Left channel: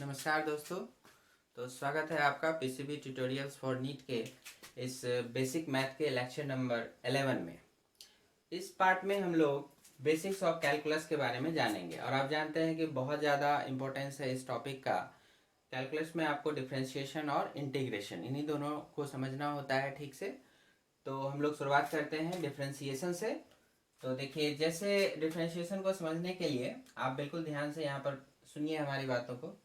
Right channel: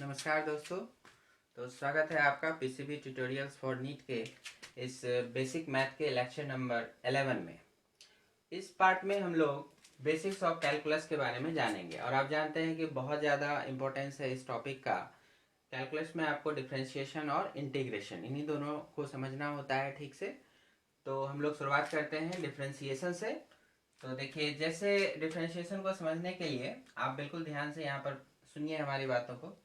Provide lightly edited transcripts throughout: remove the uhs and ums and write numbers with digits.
नमस्कार दोस्तों। तो स्वागत है आपका पीसीबी ट्यूटोरियल्स फॉर नीट के इस बेसिक मैथ के लेक्चर नंबर 11 में। इस पार्ट में हम लोग बेसिक्स ऑफ कैलकुलस के बारे में जानेंगे और आप जानते हैं कि बहुत ज़्यादा इम्पोर्टेंस है इस टॉपिक का। कैलकुलस में आपको डिफरेंशिएशन और इंटीग्रेशन इन्हीं दोनों को समझना होता है ठीक से। तो हम लोग शुरुआत करते हैं डिफरेंशिएशन से। तो देखिए, जैसे डिफरेंशिएशन को समझने के लिए आप बिल्कुल ध्यान से यहाँ पर सुनिए हमारी बातों को।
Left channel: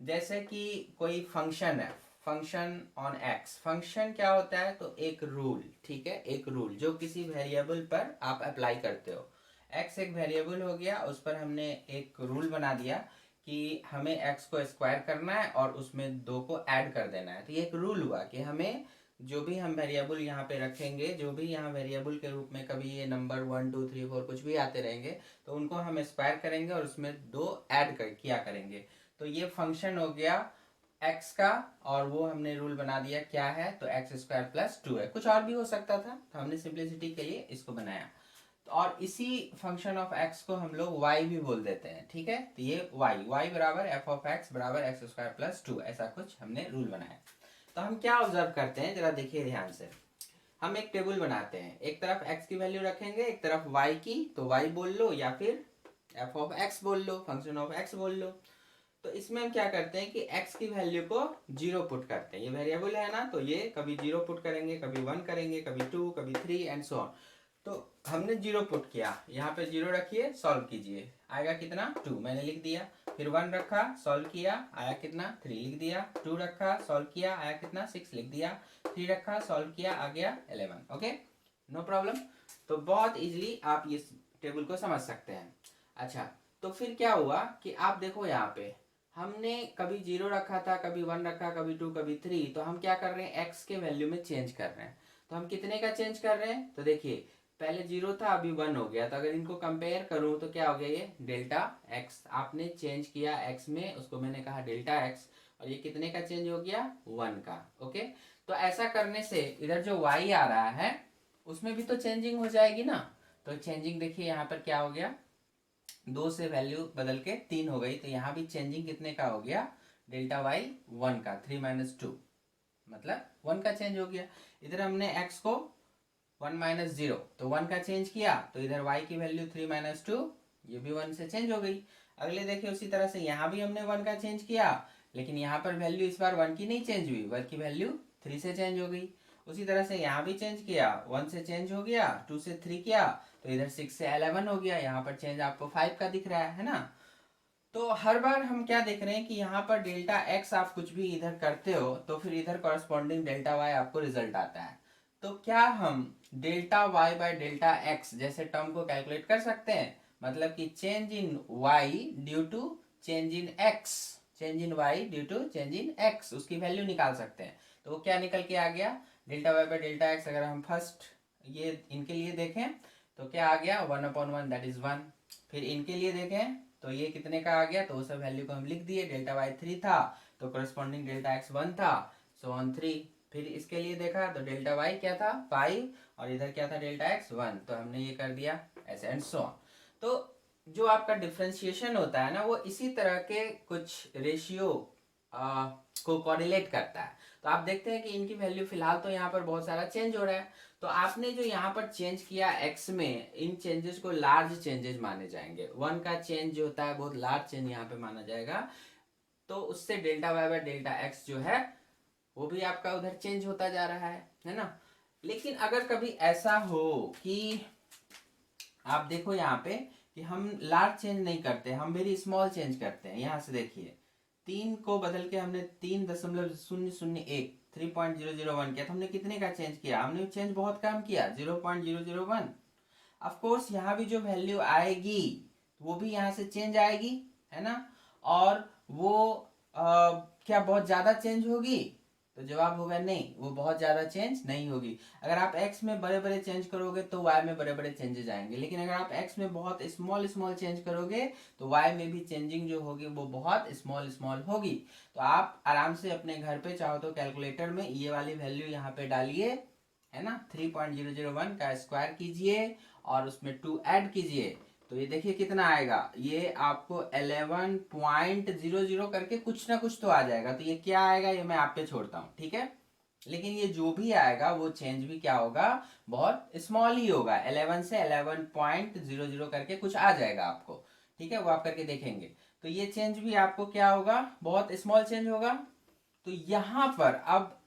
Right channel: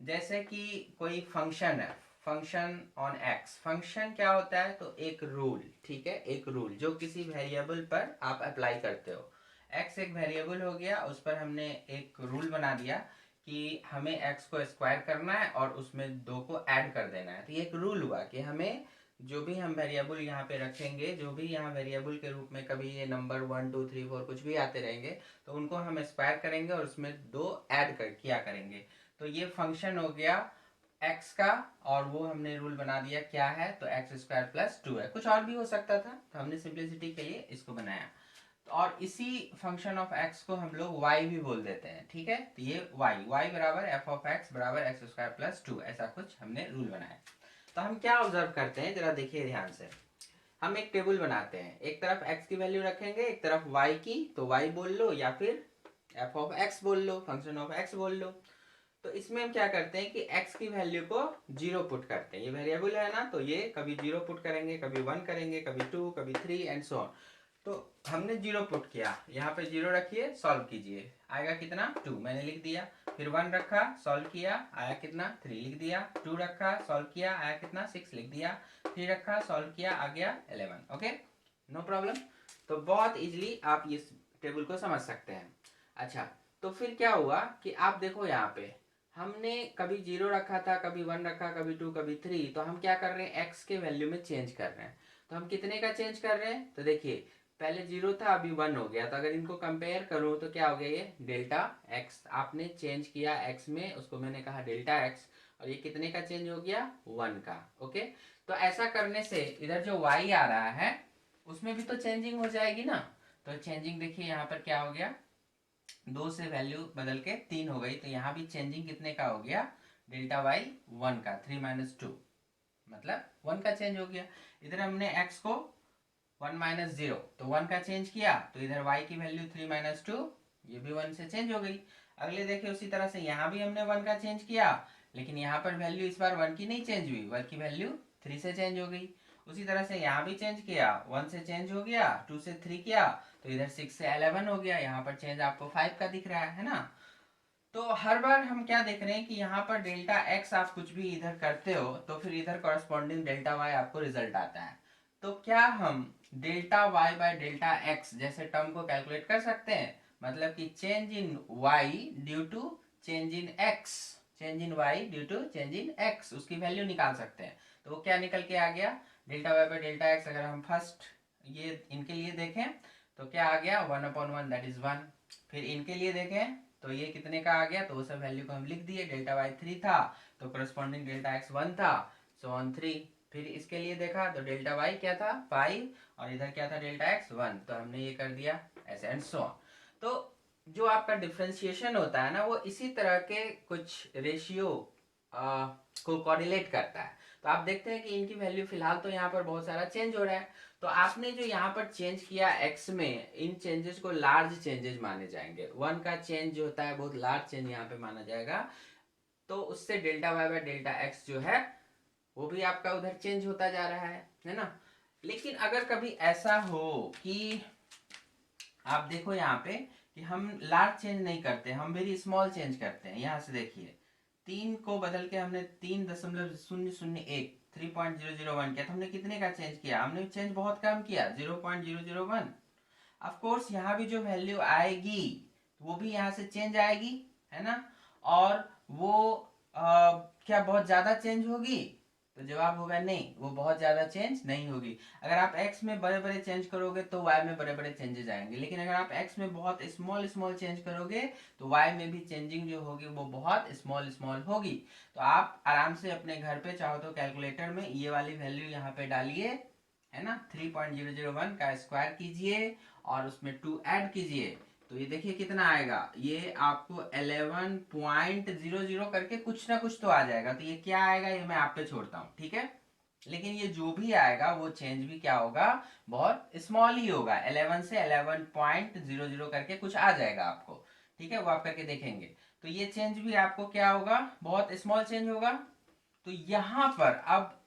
जैसे कि कोई फंक्शन है, फंक्शन ऑन एक्स। फंक्शन क्या होता है? तो एक रूल, ठीक है, एक रूल जो किसी वेरिएबल पर आप अप्लाई करते हो। एक्स एक वेरिएबल हो गया, उस पर हमने एक रूल बना दिया कि हमें एक्स को स्क्वायर करना है और उसमें 2 को ऐड कर देना है। तो ये एक रूल हुआ कि हमें जो भी हम वेरिएबल यहाँ पे रखेंगे, जो भी यहाँ वेरिएबल के रूप में कभी ये नंबर 1 2 3 4 कुछ भी आते रहेंगे, तो उनको हम स्क्वायर करेंगे और उसमें 2 ऐड किया करेंगे। तो ये फंक्शन हो गया x का, और वो हमने रूल बना दिया क्या है, तो एक्स स्क्वायर प्लस 2 है। कुछ और भी हो सकता था, तो हमने सिंप्लिसिटी के लिए इसको बनाया। तो और इसी फंक्शन ऑफ x को हम लोग y भी बोल देते हैं, ठीक है। तो ये y बराबर एफ ऑफ एक्स बराबर एक्स स्क्वायर प्लस 2, ऐसा कुछ हमने रूल बनाया। तो हम क्या ऑब्जर्व करते हैं, जरा देखिए ध्यान से। हम एक टेबल बनाते हैं, एक तरफ x की वैल्यू रखेंगे, एक तरफ y की। तो y बोल लो या फिर एफ ऑफ एक्स बोल लो, फंक्शन ऑफ x बोल लो। तो इसमें हम क्या करते हैं कि x की वैल्यू को 0 पुट करते हैं। ये वेरिएबल है ना, तो ये कभी 0 पुट करेंगे, कभी 1 करेंगे, कभी 2, कभी 3 एंड सो ऑन। तो हमने 0 पुट किया, यहाँ पे 0 रखिए, सॉल्व कीजिए, आएगा कितना 2, मैंने लिख दिया। फिर 1 रखा, सॉल्व किया, आया कितना 3, लिख दिया। 2 रखा, सॉल्व किया, आया कितना 6, लिख दिया। 3 रखा, सॉल्व किया, आ गया 11। Okay, no problem. तो बहुत इजीली आप इस टेबल को समझ सकते हैं। अच्छा, तो फिर क्या हुआ कि आप देखो यहाँ पे हमने कभी 0 रखा था, कभी 1 रखा, कभी 2, कभी 3। तो हम क्या कर रहे हैं, x के वैल्यू में चेंज कर रहे हैं। तो हम कितने का चेंज कर रहे हैं, तो देखिए पहले 0 था, अभी 1 हो गया। तो अगर इनको कंपेयर करूं तो क्या हो गया, ये डेल्टा x आपने चेंज किया x में, उसको मैंने कहा डेल्टा x। और ये कितने का चेंज हो गया, 1 का। ओके, तो ऐसा करने से इधर जो y आ रहा है उसमें भी तो चेंजिंग हो जाएगी ना। तो चेंजिंग देखिए यहाँ पर क्या हो गया, 2 से वैल्यू बदल के 3 हो गई। तो यहाँ भी चेंजिंग कितने का हो गया, डेल्टा वाई 1 का, 3 माइनस 2, मतलब 1 का चेंज हो गया। इधर हमने x को 1 माइनस 0, तो 1 का चेंज किया, तो इधर y की वैल्यू 3 माइनस 2, ये भी 1 से चेंज हो गई। अगले देखिए उसी तरह से यहाँ भी हमने 1 का चेंज किया, लेकिन यहाँ पर वैल्यू इस बार 1 की नहीं चेंज हुई, 1 की वैल्यू 3 से चेंज हो गई। उसी तरह से यहाँ भी चेंज किया, 1 से चेंज हो गया, 2 से 3 किया, तो इधर 6 से 11 हो गया। यहाँ पर चेंज आपको 5 का दिख रहा है ना। तो हर बार हम क्या देख रहे हैं कि यहाँ पर डेल्टा एक्स आप कुछ भी इधर करते हो तो फिर इधर कॉरस्पॉन्डिंग डेल्टा वाई आपको रिजल्ट आता है। तो क्या हम delta y by delta x जैसे टर्म को कैलकुलेट कर सकते हैं, मतलब कि change in y due to change in x, change in y due to change in x, उसकी वैल्यू निकाल सकते हैं। तो वो क्या निकल के आ गया, delta y by delta x. अगर हम फर्स्ट ये इनके लिए देखें तो क्या आ गया, 1/1, दैट इज 1। फिर इनके लिए देखें तो ये कितने का आ गया, तो वो सब वैल्यू को हम लिख दिए। डेल्टा वाई 3 था, तो करस्पॉन्डिंग डेल्टा एक्स 1 था, सो ऑन 3। फिर इसके लिए देखा तो डेल्टा वाई क्या था 5, और इधर क्या था डेल्टा एक्स 1, तो हमने ये कर दिया ऐसे एंड सो ऑन। तो जो आपका डिफ्रेंशिएशन होता है ना, वो इसी तरह के कुछ रेशियो को कोरिलेट करता है। तो आप देखते हैं कि इनकी वैल्यू फिलहाल तो यहाँ पर बहुत सारा चेंज हो रहा है। तो आपने जो यहाँ पर चेंज किया x में, इन चेंजेस को लार्ज चेंजेस माने जाएंगे। 1 का चेंज जो होता है बहुत लार्ज चेंज यहाँ पे माना जाएगा। तो उससे delta y by delta x जो है वो भी आपका उधर चेंज होता जा रहा है ना। लेकिन अगर कभी ऐसा हो कि आप देखो यहाँ पे कि हम लार्ज चेंज नहीं करते, हम वेरी स्मॉल चेंज करते हैं। यहाँ से देखिए 3 को बदल के हमने 3.001 3.001 किया, तो हमने कितने का चेंज किया, हमने चेंज बहुत कम किया, 0.001। ऑफ कोर्स यहाँ भी जो वैल्यू आएगी वो भी यहाँ से चेंज आएगी, है ना। और वो क्या बहुत ज्यादा चेंज होगी, तो जवाब होगा नहीं, वो बहुत ज्यादा चेंज नहीं होगी। अगर आप x में बड़े बड़े चेंज करोगे तो y में बड़े बड़े चेंजेस आएंगे, लेकिन अगर आप x में बहुत स्मॉल स्मॉल चेंज करोगे तो y में भी चेंजिंग जो होगी वो बहुत स्मॉल स्मॉल होगी। तो आप आराम से अपने घर पे चाहो तो कैलकुलेटर में ये वाली वैल्यू यहाँ पे डालिए, है ना, 3.001 का स्क्वायर कीजिए और उसमें 2 ऐड कीजिए, तो ये देखिए कितना आएगा, ये आपको 11.00 करके कुछ ना कुछ तो आ जाएगा। तो ये क्या आएगा ये मैं आप पे छोड़ता हूँ, ठीक है। लेकिन ये जो भी आएगा वो चेंज भी क्या होगा, बहुत स्मॉल ही होगा। 11 से 11.00 करके कुछ आ जाएगा आपको, ठीक है, वो आप करके देखेंगे। तो ये चेंज भी आपको क्या होगा, बहुत स्मॉल चेंज होगा। तो यहाँ पर अब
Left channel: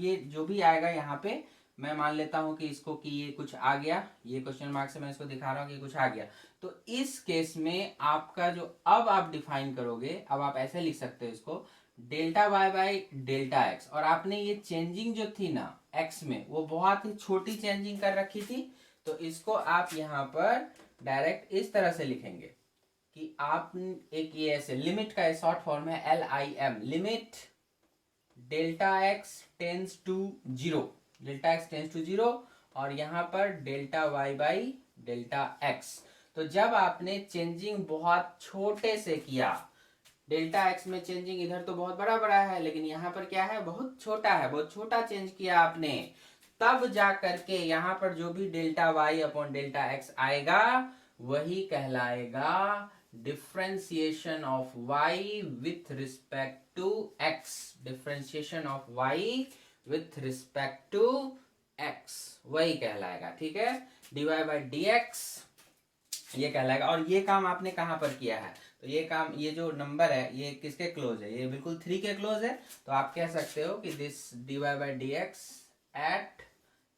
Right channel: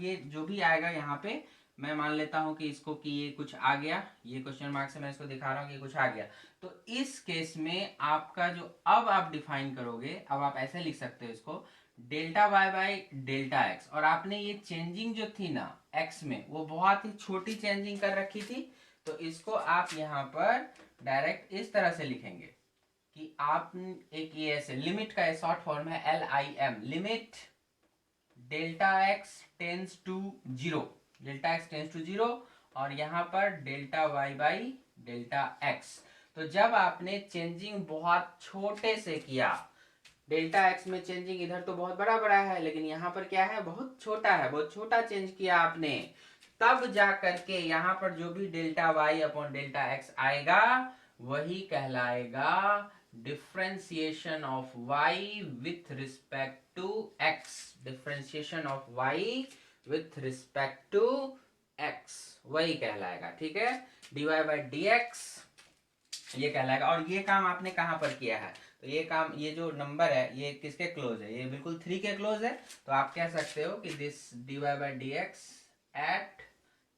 ये जो भी आएगा यहाँ पे मैं मान लेता हूं कि इसको कि ये कुछ आ गया, ये क्वेश्चन मार्क से मैं इसको दिखा रहा हूँ कि कुछ आ गया। तो इस केस में आपका जो अब आप डिफाइन करोगे, अब आप ऐसे लिख सकते हो इसको, delta y by delta x. और आपने ये चेंजिंग जो थी ना एक्स में, वो बहुत ही छोटी चेंजिंग कर रखी थी। तो इसको आप यहाँ पर डायरेक्ट इस तरह से लिखेंगे कि आप एक ये ऐसे लिमिट का शॉर्ट फॉर्म है LIM, limit delta x tends to zero, delta x tends to zero, और यहाँ पर delta y by delta x. तो जब आपने चेंजिंग बहुत छोटे से किया, डेल्टा एक्स में चेंजिंग इधर तो बहुत बड़ा बड़ा है, लेकिन यहाँ पर क्या है, बहुत छोटा है, बहुत छोटा चेंज किया आपने, तब जा करके यहाँ पर जो भी delta y upon delta x आएगा वही कहलाएगा differentiation of y with respect to x, differentiation of y with respect to x, वही कहलाएगा, ठीक है। dy बाई डी एक्स ये कहलाएगा। और ये काम आपने कहाँ पर किया है, तो ये काम, ये जो नंबर है ये किसके क्लोज है, ये बिल्कुल 3 के क्लोज है। तो आप कह सकते हो कि this dy by d x at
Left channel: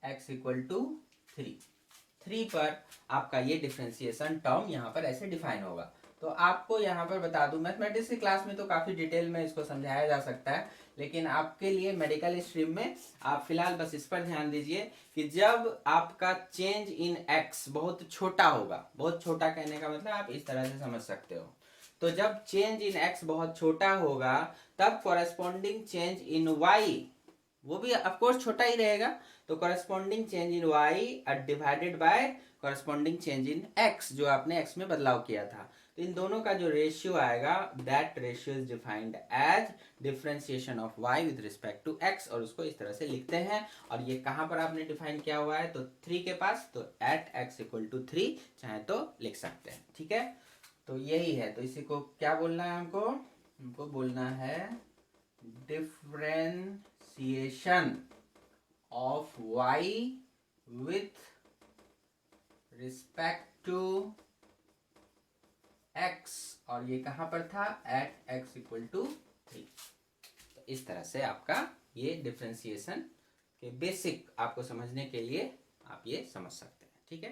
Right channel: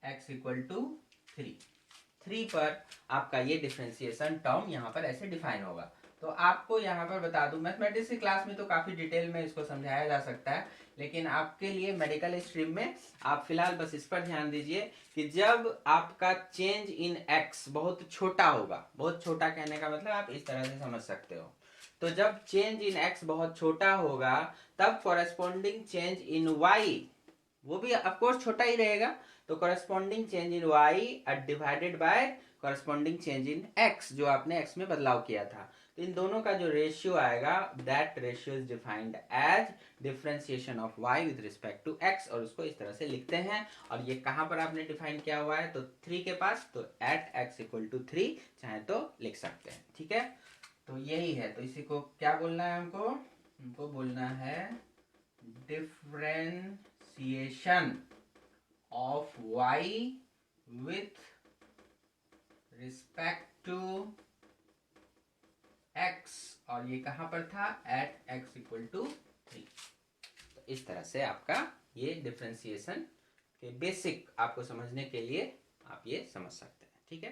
x equal to 3 पर आपका ये डिफरेंशिएशन टर्म यहाँ पर ऐसे डिफाइन होगा। तो आपको यहाँ पर बता दूं, मैथमेटिक्स की क्लास में तो काफ़ी डिटेल में इसको समझाया जा सकता है, लेकिन आपके लिए मेडिकल स्ट्रीम में आप फिलहाल बस इस पर ध्यान दीजिए कि जब आपका चेंज इन एक्स बहुत छोटा होगा, बहुत छोटा कहने का मतलब आप इस तरह से समझ सकते हो, तो जब चेंज इन एक्स बहुत छोटा होगा तब कॉरेस्पॉन्डिंग चेंज इन वाई वो भी ऑफकोर्स छोटा ही रहेगा। तो corresponding change in y divided by corresponding change in x, जो आपने एक्स में बदलाव किया था, तो इन दोनों का जो रेशियो आएगा that ratio is defined as differentiation of y with respect to x, और उसको इस तरह से लिखते हैं। और ये कहाँ पर आपने डिफाइन किया हुआ है, तो 3 के पास, तो एट एक्स इक्वल टू 3 चाहे तो लिख सकते हैं, ठीक है। तो यही है, तो इसी को क्या बोलना है हमको बोलना है differentiation of y with respect to x, और ये कहां पर था, एट x इक्वल टू 3। तो इस तरह से आपका ये डिफरेंशिएशन के बेसिक आपको समझने के लिए आप ये समझ सकते हैं, ठीक है।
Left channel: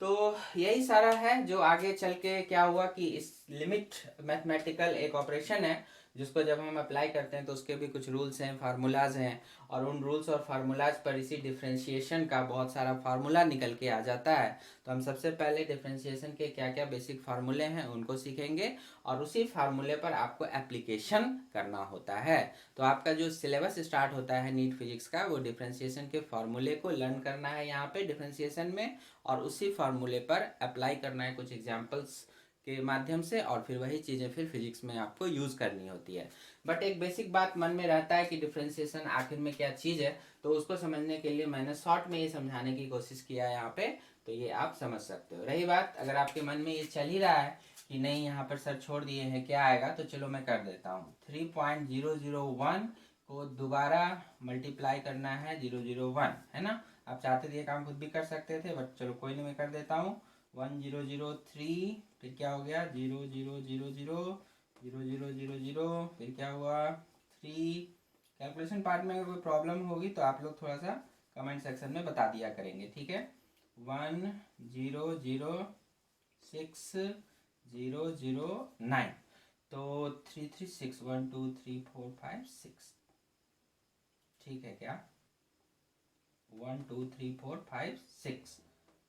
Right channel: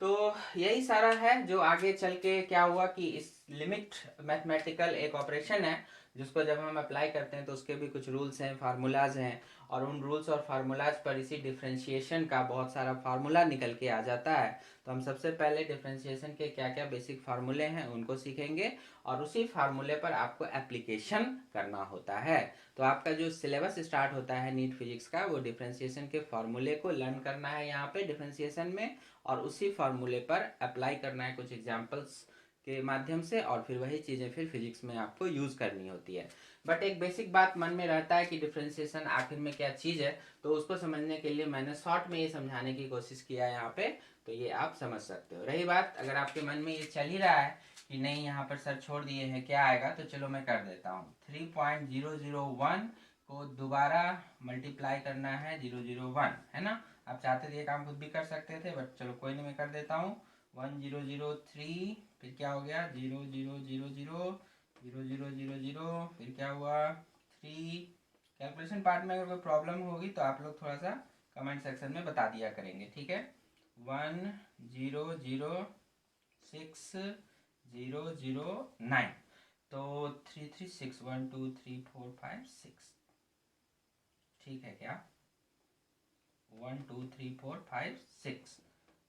तो यही सारा है। जो आगे चल के क्या हुआ कि इस लिमिट मैथमेटिकल एक ऑपरेशन है जिसको जब हम अप्लाई करते हैं तो उसके भी कुछ रूल्स हैं, फार्मूलाज हैं, और उन रूल्स और फार्मूलाज पर इसी डिफरेंशिएशन का बहुत सारा फार्मूला निकल के आ जाता है। तो हम सबसे पहले डिफरेंशिएशन के क्या क्या बेसिक फार्मूले हैं उनको सीखेंगे, और उसी फार्मूले पर आपको एप्लीकेशन करना होता है। तो आपका जो सिलेबस स्टार्ट होता है नीट फिजिक्स का, वो डिफरेंशिएशन के फार्मूले को लर्न करना है यहाँ पे डिफरेंशिएशन में, और उसी फार्मूले पर अप्लाई करना है कुछ एग्जाम्पल्स के माध्यम से, और फिर वही चीज़ें फिर फिजिक्स में आपको यूज़ करनी होती है। बट एक बेसिक बात मन में रहता है कि डिफरेंशिएशन आखिर में क्या चीज़ है, तो उसको समझने के लिए मैंने शॉर्ट में ये समझाने की कोशिश किया है यहाँ पे, तो ये आप समझ सकते हो। रही बात अगर आपके मन में ये चल ही रहा है कि नहीं यहाँ पर सर छोड़ दिए हैं क्या आएगा, तो चलो मैं कर देता हूँ। 3.001 को दोबारा मल्टीप्लाई करना है 001, है ना। आप चाहते थे ये काम खुद भी कर सकते थे, बट चलो कोई नहीं, मैं कर देता हूँ। 1003, फिर क्या हो गया 0000, फिर क्या हुआ 3। कैलकुलेशन पार्ट में अगर कोई प्रॉब्लम होगी तो आप लोग थोड़ा सा कमेंट सेक्शन में बता दिया करेंगे, ठीक है। 100609, तो 336 1 2 3 4 5 6, ठीक है क्या, 1 2 3 4 5 6,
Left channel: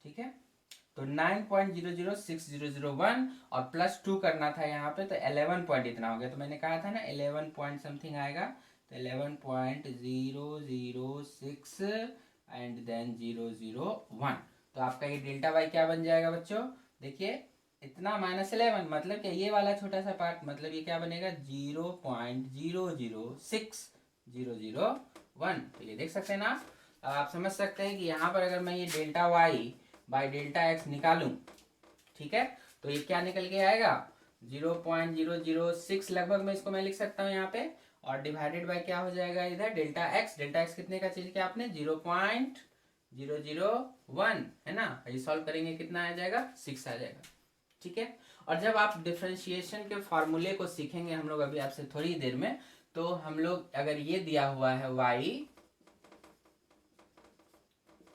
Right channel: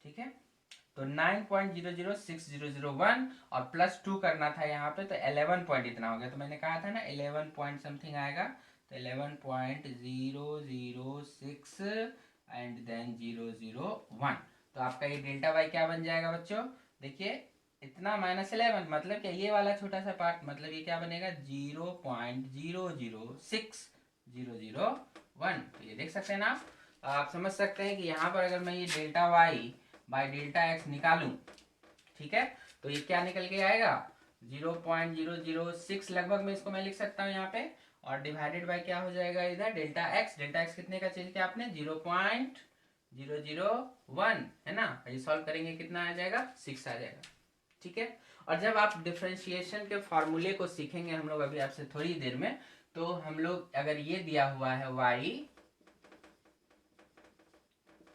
ठीक है। तो 9.006001 और +2 करना था यहाँ पे, तो 11 पॉइंट इतना हो गया। तो मैंने कहा था ना 11 पॉइंट समथिंग आएगा, तो 11.006 एंड देन 001। तो आपका ये डेल्टा वाई क्या बन जाएगा बच्चों, देखिए इतना -11 मतलब क्या, ये वाला छोटा सा पार्ट, मतलब ये क्या बनेगा 0.0060001। तो ये देख सकते हैं ना आप समझ सकते हैं कि यहाँ पर अगर मैं ये delta y by delta x निकालूं ठीक है, तो ये क्या निकल के आएगा 0.006 लगभग में इसको मैं लिख सकता हूँ यहाँ पे, और डिवाइडेड बाय क्या हो जाएगा इधर डेल्टा एक्स कितने का चेंज किया आपने 0.001 है ना, ये सॉल्व करेंगे कितना आ जाएगा 6 आ जाएगा। ठीक है, और जब आप डिफरेंशिएशन के फॉर्मूले को सीखेंगे हम लोग अभी आपसे थोड़ी देर में, तो हम लोग अगर ये दिया हुआ है y